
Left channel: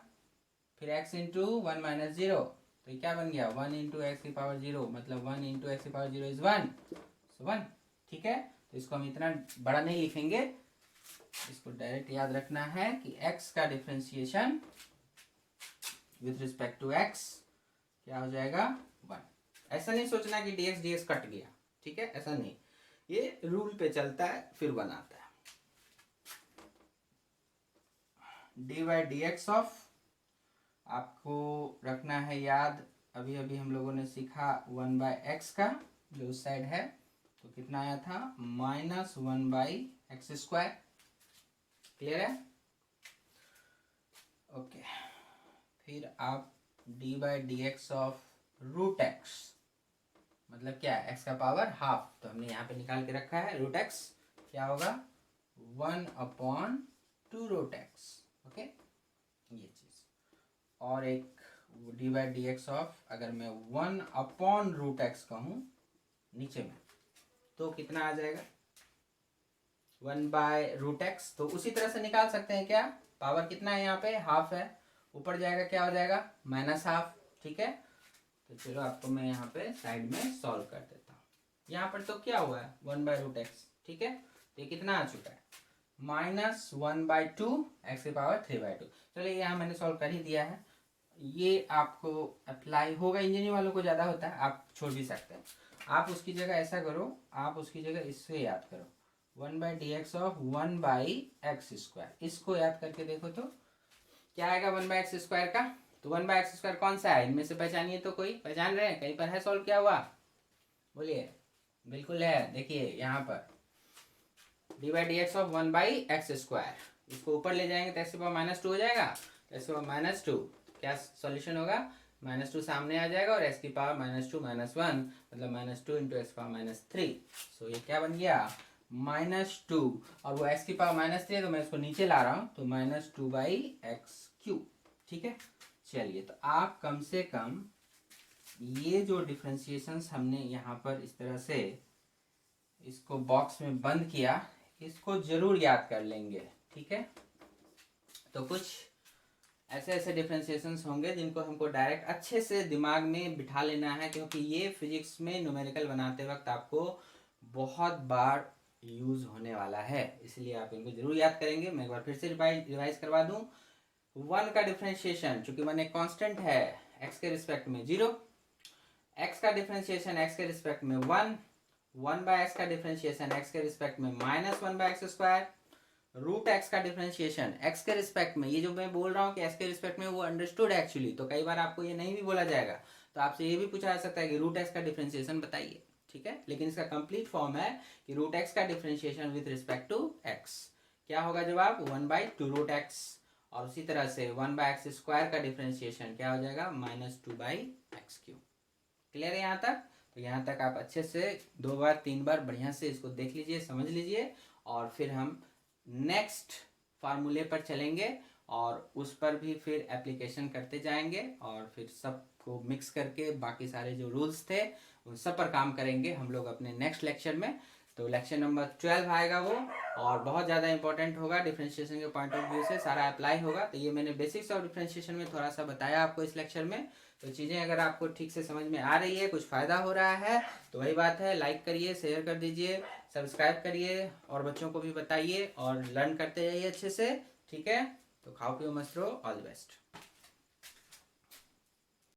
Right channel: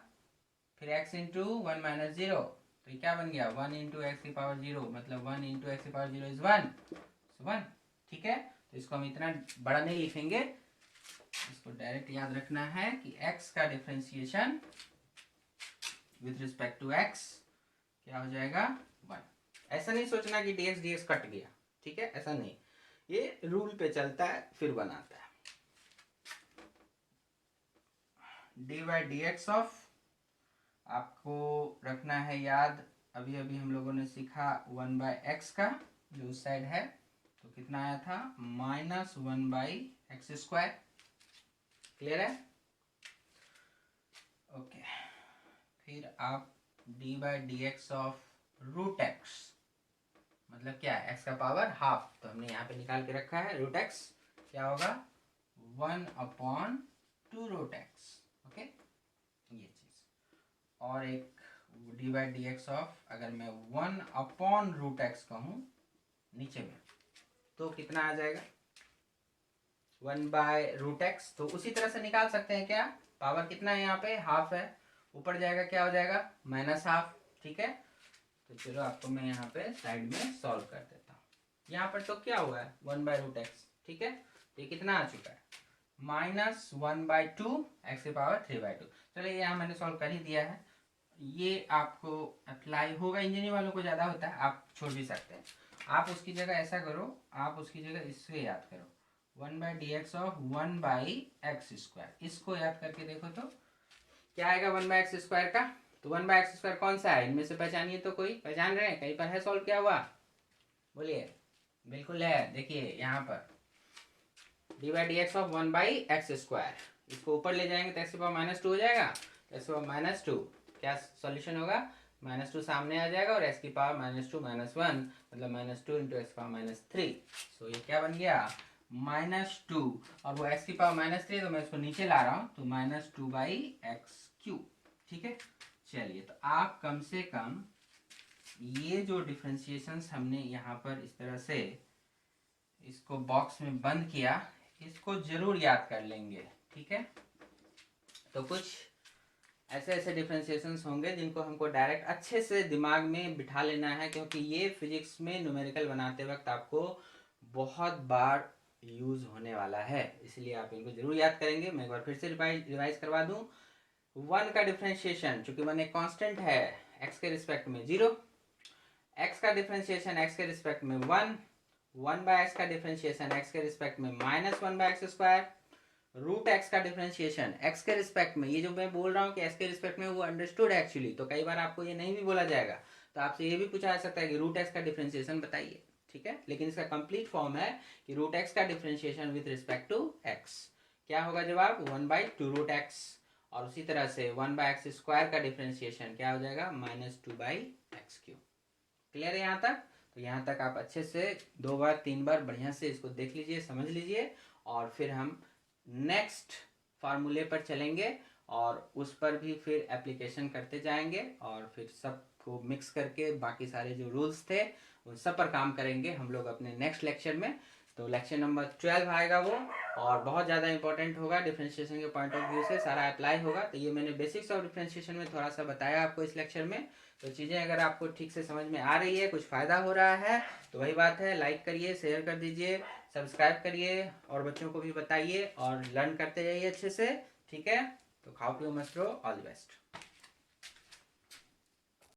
फिर x इंटू 1 - 0, तो ये क्या बन गया 1 इंटू एक्स की पावर 0, मतलब 1 इंटू एक्स की पावर 0 इज 1, सो 1। ठीक है, तो इसको हम इतना बड़ा नहीं लिखेंगे, इसको डायरेक्ट याद रखना है कि x का differentiation with respect to x क्या हो जाएगा 1। ऐसा नहीं सोचना कि dx कट गया, ठीक है, ऐसा नहीं, ये रूल पे चलता है फिर बनाता है। dy/dx ऑफ आपको रखना है याद, अभी अभी हम लोगों ने सीखा 1/x का जो उस साइड है, तो कितना आया था -1/x²। क्लियर है? ओके, फिर आप dy/dx ऑफ √x, मतलब क्या है x का पावर हाफ, तो हमने यहाँ पे निकाल के रखा है √x, क्या होगा 1/2√x। ओके, ये चीज, और एक dy/dx ऑफ, अगर मैं 1/√x कहूँ नीचे में, तो कितना आ जाएगा 1/√x, तो उसी तरह से निकाल सकते हैं क्या, पावर कितना है यहाँ पे हाफ है, ऊपर जाएगा क्या हो जाएगा -½ ठीक है, तो चलो आपको मैं यहाँ पे साइड में सॉल्व कर देता हूँ। यहाँ पर तो क्या हुआ है 1/√x, ठीक है, तो ये कितना आ चुका है -1/2 x की पावर 3/2। चलो यहाँ मैंने सॉल्व कर ही दिया है, ये आपको अप्लाई होगा, इंजीनियरिंग वालों को ज़्यादा होता है, आप छोड़ भी सकते हैं। आप उसकी जगह ऐसा करो, आप उसकी जगह इससे याद करो 1/dx ऑफ 1/x², इसको याद करके देखो तो क्या आएगा 1/x² का, तो 1/x² कौन सा है इनमें से, पहचानिए तो, कोई पहचान रहे हैं, कहीं पर है सॉल्व किया हुआ, बोलिए। बिल्कुल है, देखिए यहाँ पर dy/dx ऑफ 1/x², इसको ऊपर ले जाएंगे तो x की पावर -2 हो जाएगा, तो x की पावर -2 क्या सॉल्यूशन होगा, -2 सामने आ जाएगा और x की पावर -2 - 1 मतलब -2 इंटू एक्स पावर -3, सो ये क्या बन गया -2, और वो x की पावर -3 तो मैं इसको नीचे ला रहा हूँ, तो -2/x³। ठीक है, चलिए, तो आप कम से कम ये जो डिफ्रेंशिएशंस हमने यहाँ पर इस तरह से इसको बॉक्स में बंद किया, इसको जरूर याद कर लेंगे, ठीक है। तो कुछ ऐसे ऐसे डिफ्रेंशिएशंस होंगे जिनको हमको डायरेक्ट अच्छे से दिमाग में बिठा लेना है, क्योंकि ये फिजिक्स में न्यूमेरिकल बनाते वक्त आपको बहुत बार यूज होने वाला है, इसलिए आप इनको जरूर याद करेंगे। मैं एक बार फिर से रिवाइज करवा दूं। 1 का डिफ्रेंशिएशन, चूंकि 1 एक कांस्टेंट है, x के रिस्पेक्ट में 0, x का डिफ्रेंशिएशन x के रिस्पेक्ट में 1, 1/x का डिफ्रेंशिएशन x के रिस्पेक्ट में -1/x², रूट x का डिफ्रेंशिएशन x के रिस्पेक्ट में, ये जो मैं बोल रहा हूँ कि x के रिस्पेक्ट में, वो अंडरस्टूड है एक्चुअली, तो कई बार आपको ये नहीं भी बोला जाएगा, तो आपसे ये भी पूछा जा सकता है कि रूट x का डिफ्रेंशिएशन बताइए, ठीक है। लेकिन इसका कंप्लीट फॉर्म है कि रूट x का differentiation with respect to x, क्या होगा जवाब 1/2 रूट x, और उसी तरह से 1/x² का डिफ्रेंशिएशन क्या हो जाएगा -2/x³। क्लियर है यहाँ तक? तो यहाँ तक आप अच्छे से 2 बार 3 बार बढ़िया से इसको देख लीजिए, समझ लीजिए, और फिर हम नेक्स्ट फार्मूले पर चलेंगे और उस पर भी फिर एप्लीकेशन करते जाएंगे, और फिर सबको मिक्स करके बाकी सारे जो रूल्स थे उन सब पर काम करेंगे हम लोग अपने नेक्स्ट लेक्चर में। तो लेक्चर नंबर 12 आएगा वो, और बहुत ज़्यादा इंपॉर्टेंट होगा डिफ्रेंशिएशन के पॉइंट ऑफ व्यू से, सारा अप्लाई होगा। तो ये मैंने बेसिक्स ऑफ डिफ्रेंशिएशन में थोड़ा सा बताया आपको इस लेक्चर में। तो चीज़ें अगर आपको ठीक से समझ में आ रही है, कुछ फ़ायदा हो रहा है, तो वही बात है, लाइक करिए, शेयर कर दीजिए, सब्सक्राइब करिए, और बच्चों को भी बताइए, और लर्न करते जाइए अच्छे से, ठीक है। तो खाओ पियो मस्त रहो, ऑल द बेस्ट।